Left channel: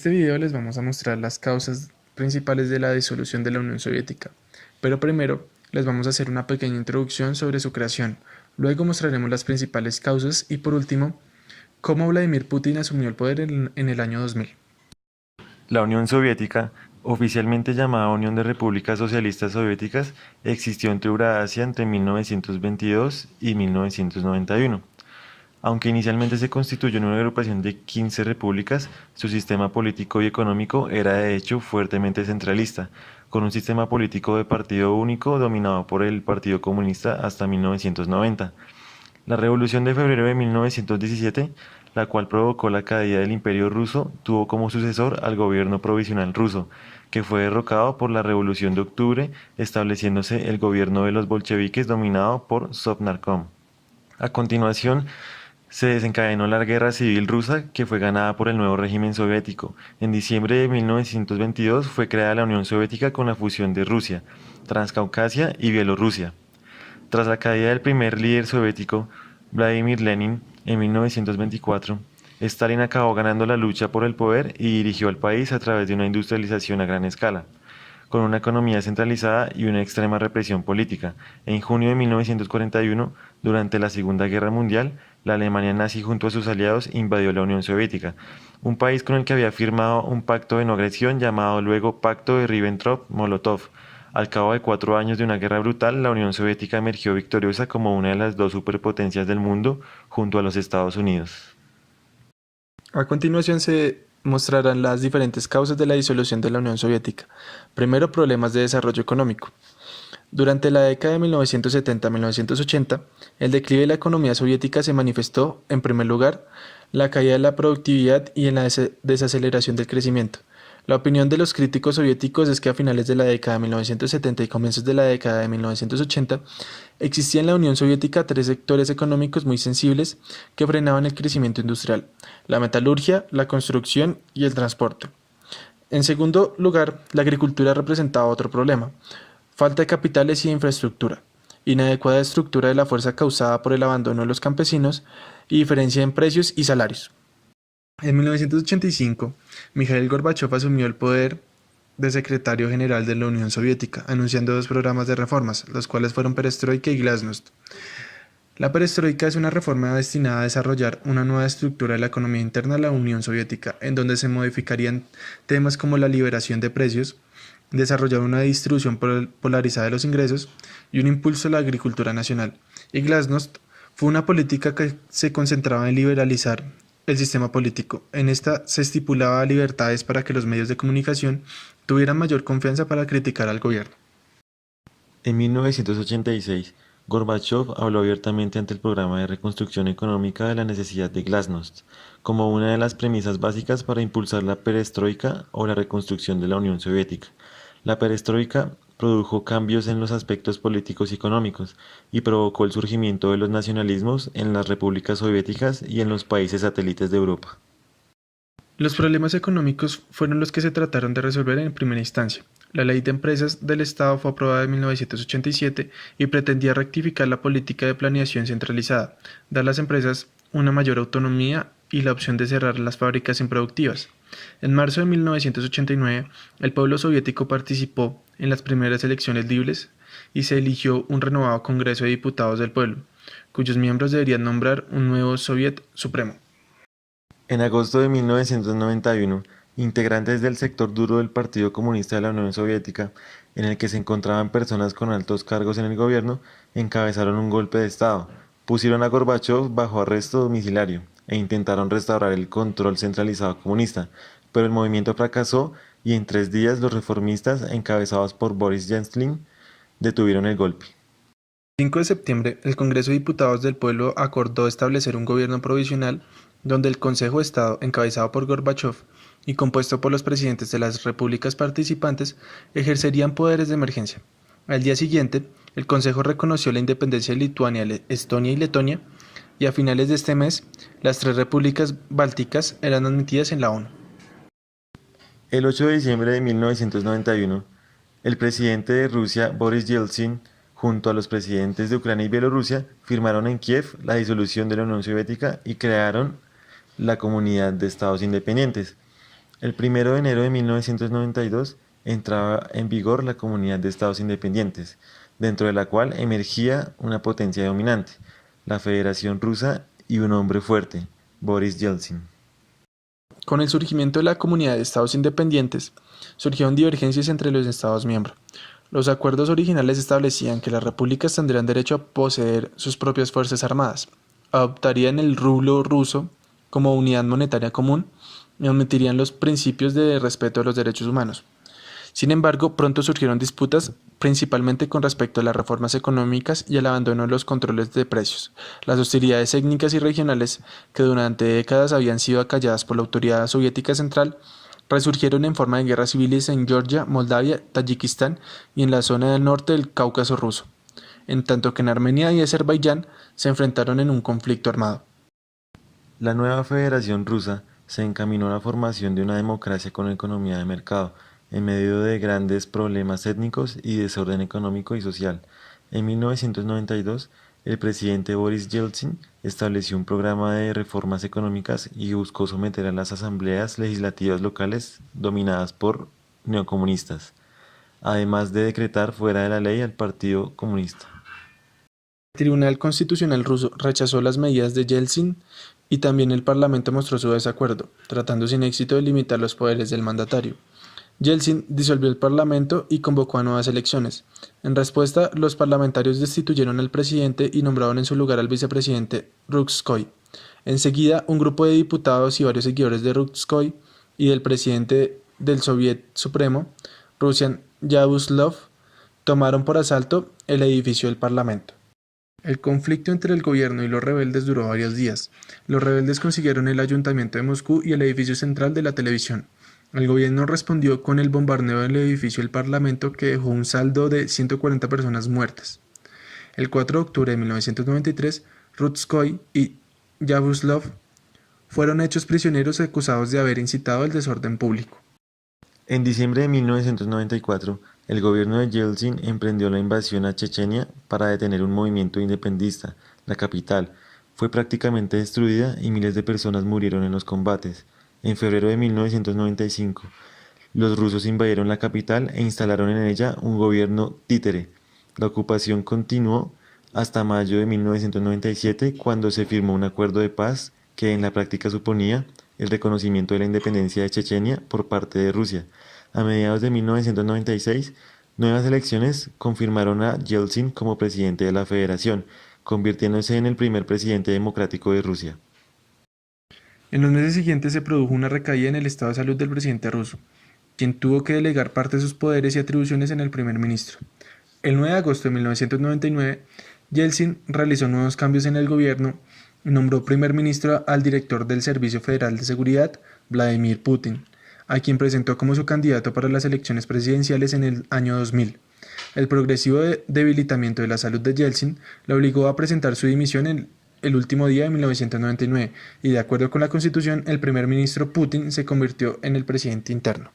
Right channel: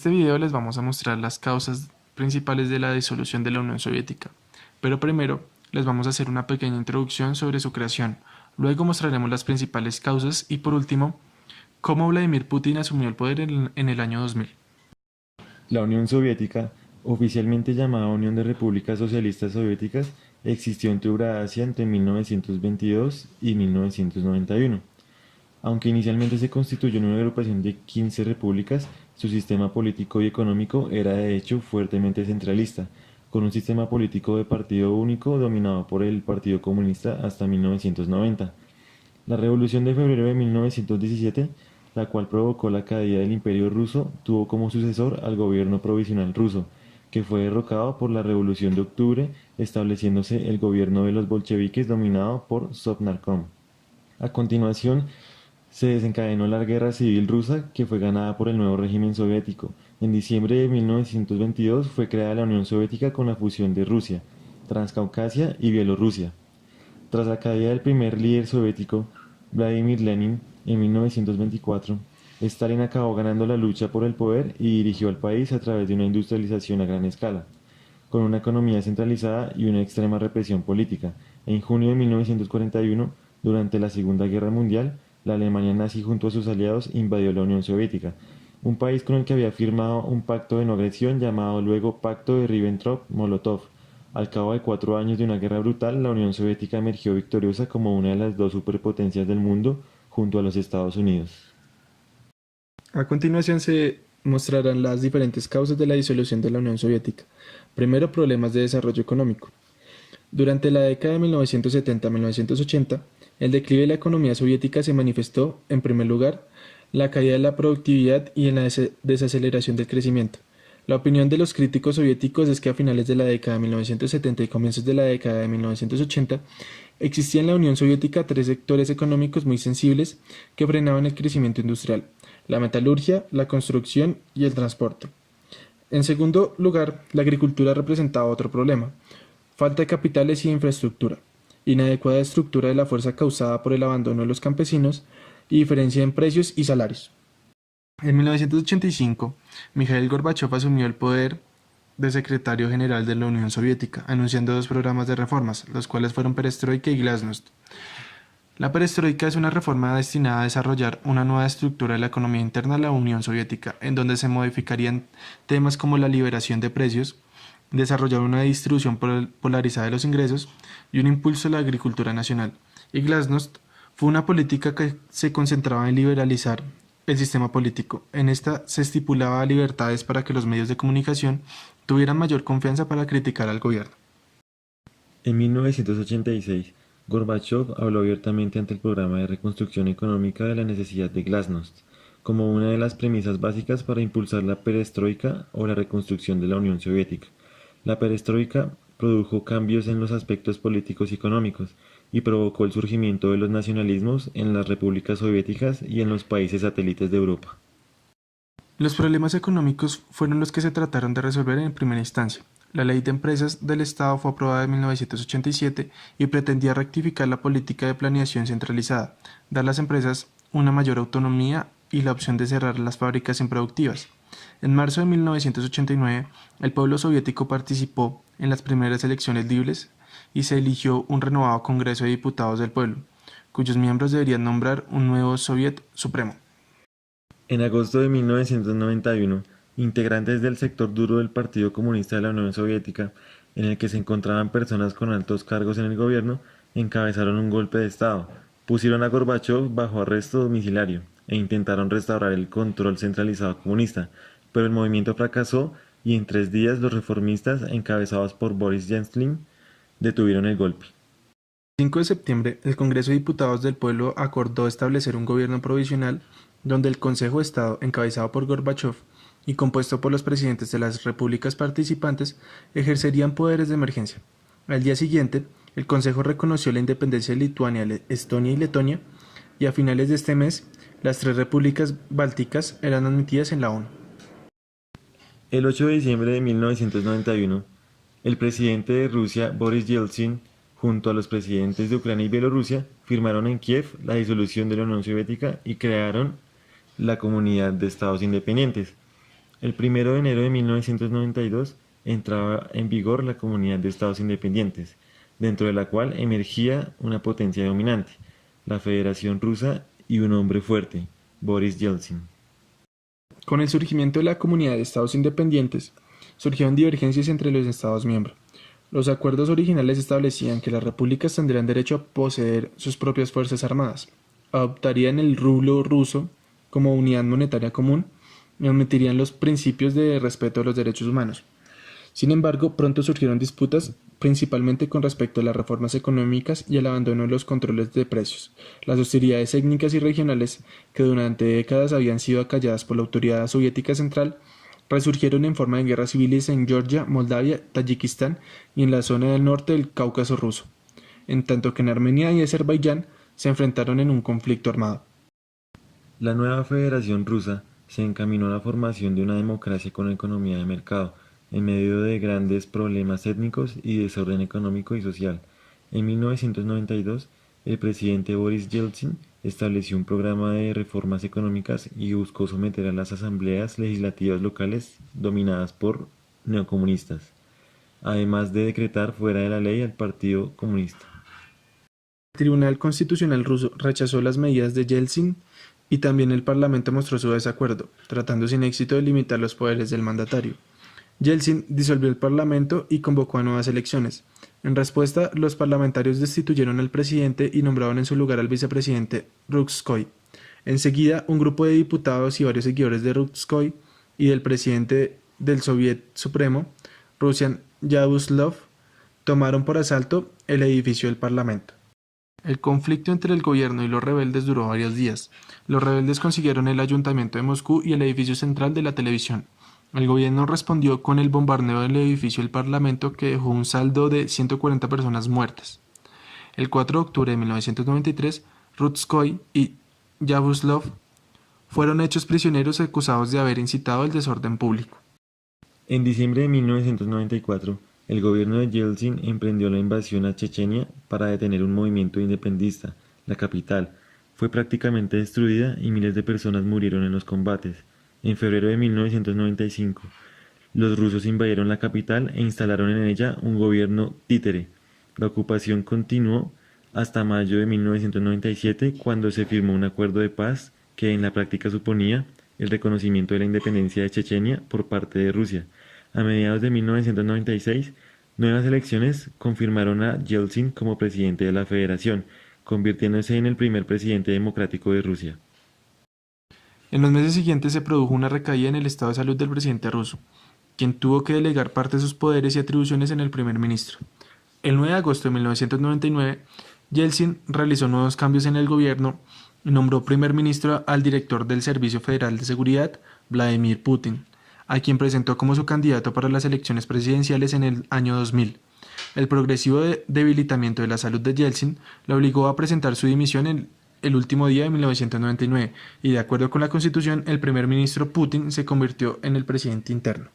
este video les vamos a mostrar las causas principales de la disolución de la Unión Soviética, pero primero les vamos a hacer una pequeña introducción sobre su creación, luego mostraremos las principales causas y por último, cómo Vladimir Putin asumió el poder en el año 2000. La Unión Soviética, oficialmente llamada Unión de Repúblicas Socialistas Soviéticas, existió en Eurasia entre 1922 y 1991. Aunque inicialmente se constituyó en una agrupación de 15 repúblicas, su sistema político y económico era de hecho fuertemente centralista, con un sistema político de partido único dominado por el Partido Comunista hasta 1990. La Revolución de Febrero de 1917, la cual provocó la caída del Imperio ruso, tuvo como sucesor al gobierno provisional ruso, que fue derrocado por la Revolución de Octubre, estableciéndose el gobierno de los bolcheviques dominado por Sovnarkom. A continuación, se desencadenó la Guerra Civil Rusa, que fue ganada por el nuevo régimen soviético. En diciembre de 1922 fue creada la Unión Soviética con la fusión de Rusia, Transcaucasia y Bielorrusia. Tras la caída del primer líder soviético, Vladimir Lenin, en 1924, Stalin acabó ganando la lucha por el poder y dirigió al país a través de una industrialización a gran escala, con una economía centralizada y una extrema represión política. En junio de 1941, durante la Segunda Guerra Mundial, la Alemania nazi junto a sus aliados invadió la Unión Soviética, un país con el que había firmado un pacto de no agresión llamado luego Pacto de Ribbentrop-Molotov. Al cabo de 4 años de una guerra brutal, la Unión Soviética emergió victoriosa como una de las dos superpotencias del mundo junto a los Estados Unidos. A continuación se mostrarán las diferentes causas de la disolución de la Unión Soviética. Primero, problemas de desarrollo económico. Durante la década de 1970-1980, el declive de la economía soviética se manifestó, en primer lugar, la caída de la productividad y en la desaceleración del crecimiento. La opinión de los críticos soviéticos es que a finales de la década de 1970 y comienzos de la década de 1980, existía en la Unión Soviética 3 sectores económicos muy sensibles que frenaban el crecimiento industrial: la metalurgia, la construcción y el transporte. En segundo lugar, la agricultura representaba otro problema: falta de capitales y de infraestructura, inadecuada estructura de la fuerza causada por el abandono de los campesinos y diferencia en precios y salarios. En 1985, Mikhail Gorbachev asumió el poder de secretario general de la Unión Soviética, anunciando 2 programas de reformas, los cuales fueron Perestroika y Glasnost. La perestroika es una reforma destinada a desarrollar una nueva estructura de la economía interna de la Unión Soviética, en donde se modificarían temas como la liberación de precios, desarrollar una distribución polarizada de los ingresos y un impulso a la agricultura nacional. Y Glasnost fue una política que se concentraba en liberalizar el sistema político. En esta se estipulaba libertades para que los medios de comunicación tuvieran mayor confianza para criticar al gobierno. En 1986, Gorbachev habló abiertamente ante el programa de reconstrucción económica de la necesidad de Glasnost, como una de las premisas básicas para impulsar la perestroika o la reconstrucción de la Unión Soviética. La perestroika produjo cambios en los aspectos políticos y económicos y provocó el surgimiento de los nacionalismos en las repúblicas soviéticas y en los países satélites de Europa. Los problemas económicos fueron los que se trataron de resolver en primera instancia. La Ley de Empresas del Estado fue aprobada en 1987 y pretendía rectificar la política de planeación centralizada, dar a las empresas una mayor autonomía y la opción de cerrar las fábricas improductivas. En marzo de 1989, el pueblo soviético participó en las primeras elecciones libres y se eligió un renovado Congreso de Diputados del Pueblo, cuyos miembros deberían nombrar un nuevo Soviet Supremo. En agosto de 1991, integrantes del sector duro del Partido Comunista de la Unión Soviética, en el que se encontraban personas con altos cargos en el gobierno, encabezaron un golpe de Estado, pusieron a Gorbachev bajo arresto domiciliario e intentaron restaurar el control centralizado comunista, pero el movimiento fracasó y en 3 días los reformistas, encabezados por Boris Yeltsin, detuvieron el golpe. El 5 de septiembre, el Congreso de Diputados del Pueblo acordó establecer un gobierno provisional donde el Consejo de Estado, encabezado por Gorbachev y compuesto por los presidentes de las repúblicas participantes, ejercerían poderes de emergencia. Al día siguiente, el Consejo reconoció la independencia de Lituania, Estonia y Letonia, y a finales de este mes, las 3 repúblicas bálticas eran admitidas en la ONU. El 8 de diciembre de 1991, el presidente de Rusia, Boris Yeltsin, junto a los presidentes de Ucrania y Bielorrusia, firmaron en Kiev la disolución de la Unión Soviética y crearon la Comunidad de Estados Independientes. El 1 de enero de 1992 entraba en vigor la Comunidad de Estados Independientes, dentro de la cual emergía una potencia dominante, la Federación Rusa y un hombre fuerte, Boris Yeltsin. Con el surgimiento de la Comunidad de Estados Independientes, surgieron divergencias entre los Estados miembros. Los acuerdos originales establecían que las repúblicas tendrían derecho a poseer sus propias fuerzas armadas, adoptarían el rublo ruso como unidad monetaria común y omitirían los principios de respeto a los derechos humanos. Sin embargo, pronto surgieron disputas, principalmente con respecto a las reformas económicas y el abandono de los controles de precios. Las hostilidades étnicas y regionales, que durante décadas habían sido acalladas por la autoridad soviética central, resurgieron en forma de guerras civiles en Georgia, Moldavia, Tayikistán y en la zona del norte del Cáucaso ruso, en tanto que en Armenia y Azerbaiyán se enfrentaron en un conflicto armado. La nueva Federación Rusa se encaminó a la formación de una democracia con economía de mercado, en medio de grandes problemas étnicos y desorden económico y social. En 1992, el presidente Boris Yeltsin estableció un programa de reformas económicas y buscó someter a las asambleas legislativas locales dominadas por neocomunistas, además de decretar fuera de la ley al Partido Comunista. El Tribunal Constitucional ruso rechazó las medidas de Yeltsin y también el Parlamento mostró su desacuerdo, tratando sin éxito de limitar los poderes del mandatario. Yeltsin disolvió el Parlamento y convocó a nuevas elecciones. En respuesta, los parlamentarios destituyeron al presidente y nombraron en su lugar al vicepresidente Rutskoy. Enseguida, un grupo de diputados y varios seguidores de Rutskoy y del presidente del Soviet Supremo, Rusian Yaroslav, tomaron por asalto el edificio del Parlamento. El conflicto entre el gobierno y los rebeldes duró varios días. Los rebeldes consiguieron el ayuntamiento de Moscú y el edificio central de la televisión. El gobierno respondió con el bombardeo del edificio del Parlamento que dejó un saldo de 140 personas muertas. El 4 de octubre de 1993, Rutskoy y Yaroslav fueron hechos prisioneros acusados de haber incitado el desorden público. En diciembre de 1994, el gobierno de Yeltsin emprendió la invasión a Chechenia para detener un movimiento independentista. La capital fue prácticamente destruida y miles de personas murieron en los combates. En febrero de 1995, los rusos invadieron la capital e instalaron en ella un gobierno títere. La ocupación continuó hasta mayo de 1997, cuando se firmó un acuerdo de paz que en la práctica suponía el reconocimiento de la independencia de Chechenia por parte de Rusia. A mediados de 1996, nuevas elecciones confirmaron a Yeltsin como presidente de la Federación, convirtiéndose en el primer presidente democrático de Rusia. En los meses siguientes se produjo una recaída en el estado de salud del presidente ruso, quien tuvo que delegar parte de sus poderes y atribuciones en el primer ministro. El 9 de agosto de 1999, Yeltsin realizó nuevos cambios en el gobierno y nombró primer ministro al director del Servicio Federal de Seguridad, Vladimir Putin, a quien presentó como su candidato para las elecciones presidenciales en el año 2000. El progresivo debilitamiento de la salud de Yeltsin le obligó a presentar su dimisión en el último día de 1999 y, de acuerdo con la Constitución, el primer ministro Putin se convirtió en el presidente interno.